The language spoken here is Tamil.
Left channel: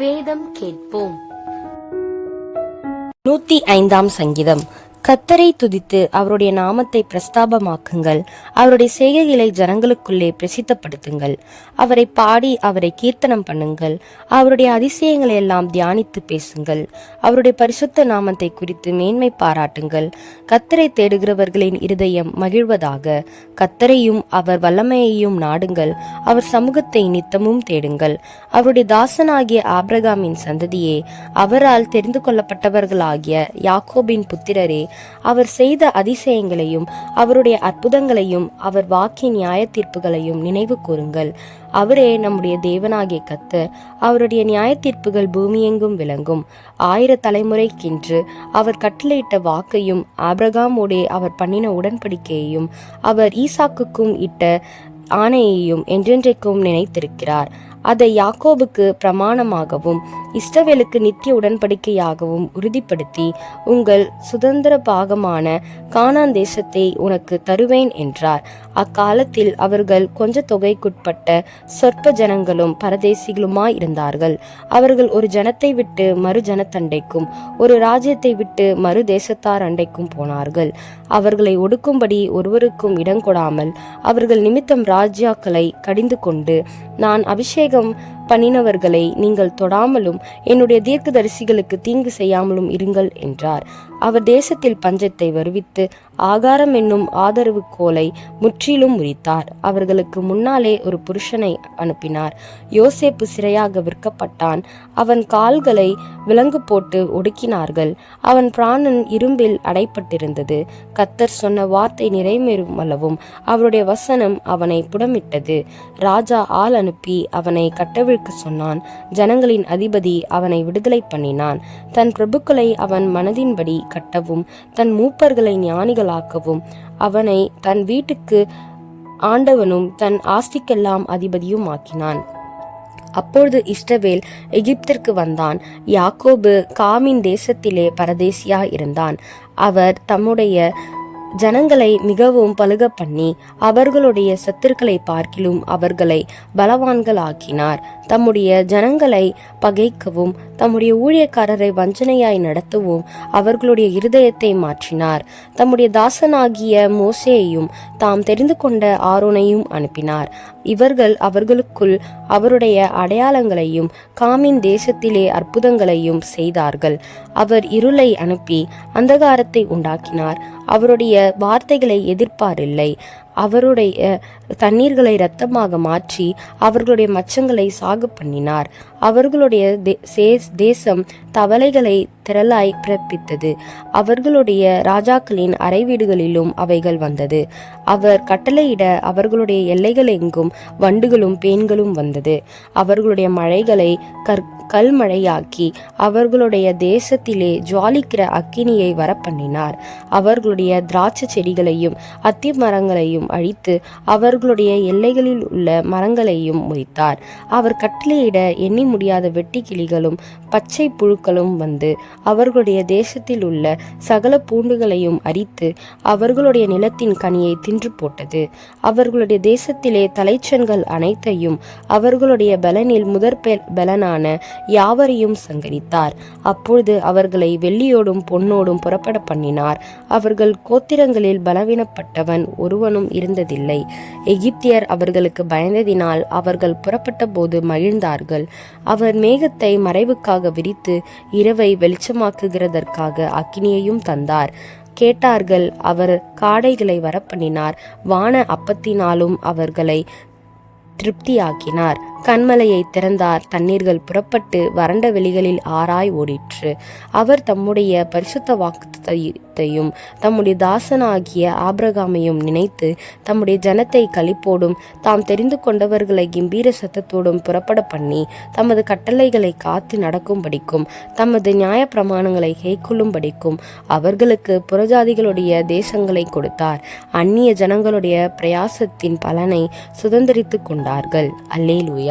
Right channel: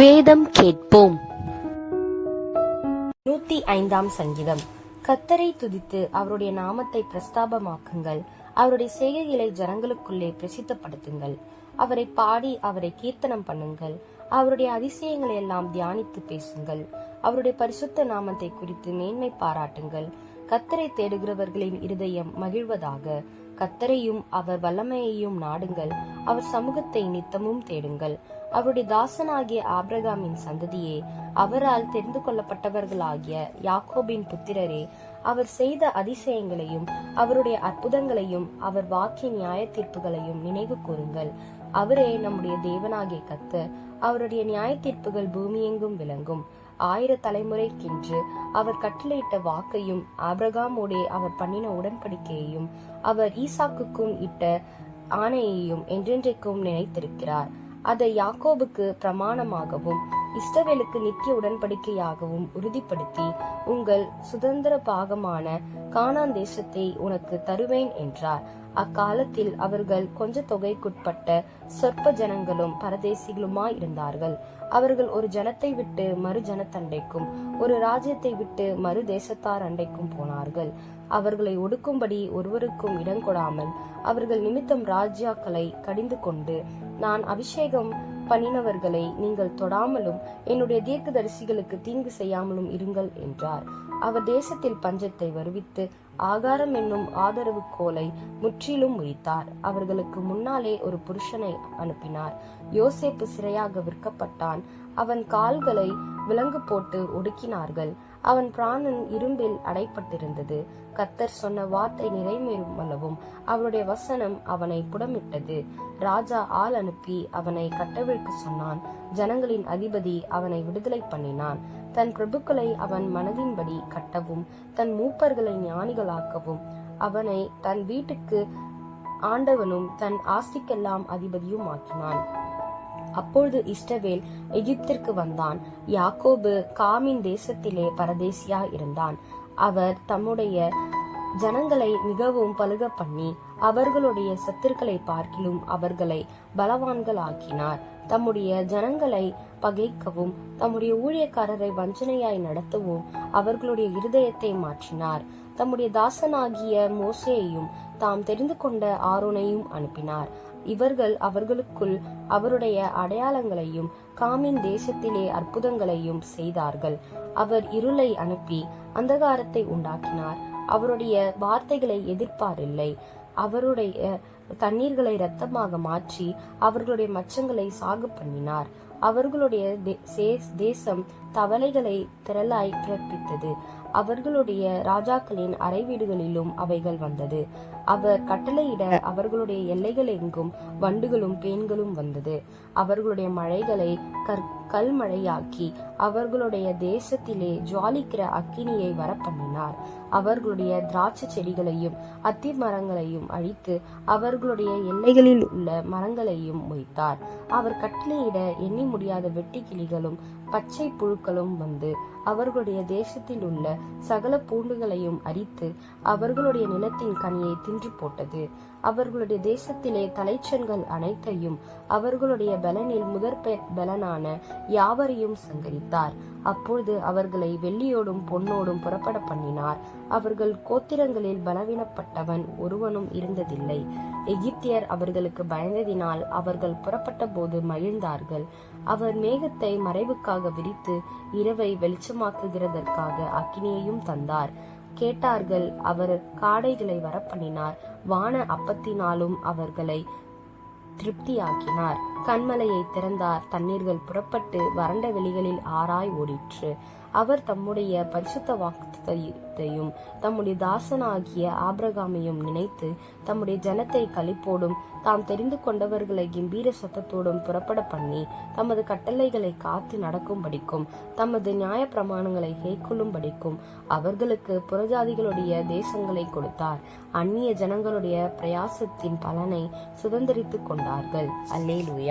வேதம் கேட்போம். 105 சங்கீதம். கர்த்தரை துதித்து அவருடைய நாமத்தை பிரஸ்தாபமாக்குங்கள். அவருடைய செய்கைகளை ஜனங்களுக்குள்ளே பிரசித்தப்படுத்துங்கள். அவரை பாடி அவரை கீர்த்தனம் பண்ணுங்கள். அவருடைய அதிசயங்களை எல்லாம் தியானித்து பேசுங்கள். அவருடைய பரிசுத்த நாமத்தை குறித்து மேன்மை பாராட்டுங்கள். கர்த்தரை தேடுகிறவர்களின் இருதயம் மகிழ்வதாக. கர்த்தரையும் அவர் வல்லமையையும் நாடுங்கள். அவர் சமூகத்தை நித்தமும் தேடுங்கள். அவருடைய தாசனாகிய ஆபிரகாமின் சந்ததியே, அவரால் தெரிந்து கொள்ளப்பட்டவர்களாகிய யாக்கோபின் புத்திரரே, அவர் செய்த அதிசயங்களையும் அவருடைய அற்புதங்களையும் அவர் வாக்கின் நியாய தீர்ப்புகளையும் நினைவு கூறுங்கள். அவரே நம்முடைய தேவனாகிய கர்த்தர். அவருடைய நியாய தீர்ப்புகள் பூமியெங்கும் விளங்கும். 1000 தலைமுறைக்கென்று அவர் கட்டளையிட்ட வாக்கையும் ஆபிரகாமோடே அவர் பண்ணின உடன்படிக்கையையும் அவர் ஈசாக்குக்கும் இட்ட ஆணையையும் என்றென்றைக்கும் நினைத்திருக்கிறார். அதை யாக்கோபுக்கு பிரமாணமாகவும் இஸ்ரவேலுக்கு நித்திய உடன்படிக்கையாகவும் உறுதிப்படுத்தி, உங்கள் சுதந்திர பாகமான கானான் தேசத்தை உனக்கு தருவேன் என்றார். அக்காலத்தில் அவர்கள் கொஞ்ச தொகைக்குட்பட்ட சொற்ப ஜனங்களும் பரதேசிகளுமாய் இருந்தார்கள். அவர்கள் ஒரு ஜனத்தை விட்டு மறு ஜனத்தண்டைக்கும் ஒரு ராஜ்யத்தை விட்டு மறு தேசத்தார் அண்டைக்கும் போனார்கள். அவர்களை ஒடுக்கும்படி ஒருவருக்கும் இடங்கொடாமல் அவர்கள் நிமித்தம் ராஜ்யாக்களை கடிந்து கொண்டு, நான் அபிஷேகம் பண்ணினவர்களை நீங்கள் தொடாமலும் என்னுடைய தீர்க்கதரிசிகளுக்கு தீங்கு செய்யாமலும் இருங்கள் என்றார். அவர் தேசத்தில் பஞ்சத்தை வருவித்து ஆகாரம் என்னும் ஆதரவு கோலை முற்றிலும் முறித்தார். அவர்களுக்கு முன்னாலே ஒரு புருஷனை அனுப்பினார். யோசேப்பு சிறையாக விற்கப்பட்டான். அவன் கால்களை விலங்கு போட்டு ஒடுக்கினார்கள். அவன் பிராணன் இரும்பில் அடைப்பட்டிருந்தது. கர்த்தர் சொன்ன வார்த்தை நிறைவேறும் அளவும் அவருடைய வசனம் அவனை புடமிட்டது. ராஜா ஆள் அனுப்பி அவனை கட்டவிழ்க்க சொன்னான். ஜனங்களின் அதிபதி அவனை விடுதலை பண்ணினான். தன் பிரபுக்களை அவன் மனதின்படி கட்டவும் தன் மூப்பர்களை ஞானிகளாக்கவும் அவனை தன் வீட்டுக்கு ஆண்டவனும் தன் ஆஸ்திக்கெல்லாம் அதிபதியும் ஆக்கினான். அப்பொழுது இஸ்ரவேல் எகிப்திற்கு வந்தான். யாக்கோபு காமின் தேசத்திலே பரதேசியா இருந்தான். அவர் தம்முடைய ஜனங்களை மிகவும் பலுக பண்ணி அவர்களுடைய சத்துருக்களை பார்க்கிலும் அவர்களை பலவான்களாக்கினார். தம்முடைய ஜனங்களை பகைக்கவும் தம்முடைய ஊழியக்காரரை வஞ்சனையாய் நடத்தவும் அவர்களுடைய இருதயத்தை மாற்றினார். தம்முடைய தாசனாகிய மோசேயையும் தாம் தெரிந்து கொண்ட ஆரோனையும் அனுப்பினார். இவர்கள் அவர்களுக்குள் அவருடைய அடையாளங்களையும் காமின் தேசத்திலே அற்புதங்களையும் செய்தார்கள். அவர் இருளை அனுப்பி அந்தகாரத்தை உண்டாக்கினார். அவருடைய வார்த்தைகளை எதிர்ப்பாரில்லை. அவருடைய தண்ணீர்களை இரத்தமாக மாற்றி அவர்களுடைய மச்சங்களை சாகு பண்ணினார். அவர்களுடைய தேசம் தவளைகளை திரளாய் பிறப்பித்தது. அவர்களுடைய ராஜாக்களின் அறை வீடுகளிலும் அவைகள் வந்தது. அவர் கட்டளையிட அவர்களுடைய எல்லைகள் எங்கும் வண்டுகளும் பேன்களும் வந்தது. அவர்களுடைய மழைகளை கல்மழையாக்கி அவர்களுடைய தேசத்திலே ஜுவாலிக்கிற அக்கினியை வரப்பண்ணினார். அவர்களுடைய திராட்சை செடிகளையும் அத்தி மரங்களையும் அழித்து அவர்களுடைய எல்லைகளில் உள்ள மரங்களையும் முறித்தார். அவர் கட்டளையிட எண்ணி முடியாத வெட்டுக்கிளிகளும் பச்சை புழுக்களும் வந்து அவர்களுடைய தேசத்தில் உள்ள சகல பூண்டுகளையும் அரித்து அவர்களுடைய நிலத்தின் கனியை தின்று போட்டது. அவர்களுடைய தேசத்திலே தலைச்சன்கள் அனைத்தையும் அவர்களுடைய பலனில் முதற் பலனான யாவரையும் சங்கரித்தார். அப்பொழுது அவர்களை வெள்ளியோடும் பொன்னோடும் புறப்பட பண்ணினார். அவர்கள் கோத்திரங்களில் பலவீனப்பட்டவன் ஒருவனும் இருந்ததில்லை. எகிப்தியர் அவர்களுக்கு பயந்ததினால் அவர்கள் புறப்பட்ட போது மகிழ்ந்தார்கள். அவர் மேகத்தை மறைவுக்காக விரித்து இரவை வெளிச்சமாக்குகிறதற்காக அக்கினியையும் தந்தார். கேட்டார்கள். அவர் காடைகளை வரப்பண்ணினார். வான அப்பத்தினாலும் அவர்களை திருப்தியாக்கினார். கண்மலையை திறந்தார். தண்ணீர்கள் புறப்பட்டு வறண்ட வெளிகளில் ஆராய் ஓடிற்று. அவர் தம்முடைய பரிசுத்த வாக்குத்தையும் தம்முடைய தாசனாகிய ஆபிரகாமையும் நினைத்து தம்முடைய ஜனத்தை களிப்போடும் தாம் தெரிந்து கொண்டவர்களை கம்பீர சத்தத்தோடும் புறப்பட பண்ணி தமது கட்டளைகளை காத்து நடக்கும்படிக்கும் தமது நியாய பிரமாணங்களை கைக்கொள்ளும்படிக்கும் அவர்களுக்கு புறஜாதிகளுடைய தேசங்களை கொடுத்தார். அந்நிய ஜனங்களுடைய பிரயாசத்தின் பலனை சுதந்திரித்து கொண்டார்கள். அல்லேலூயா.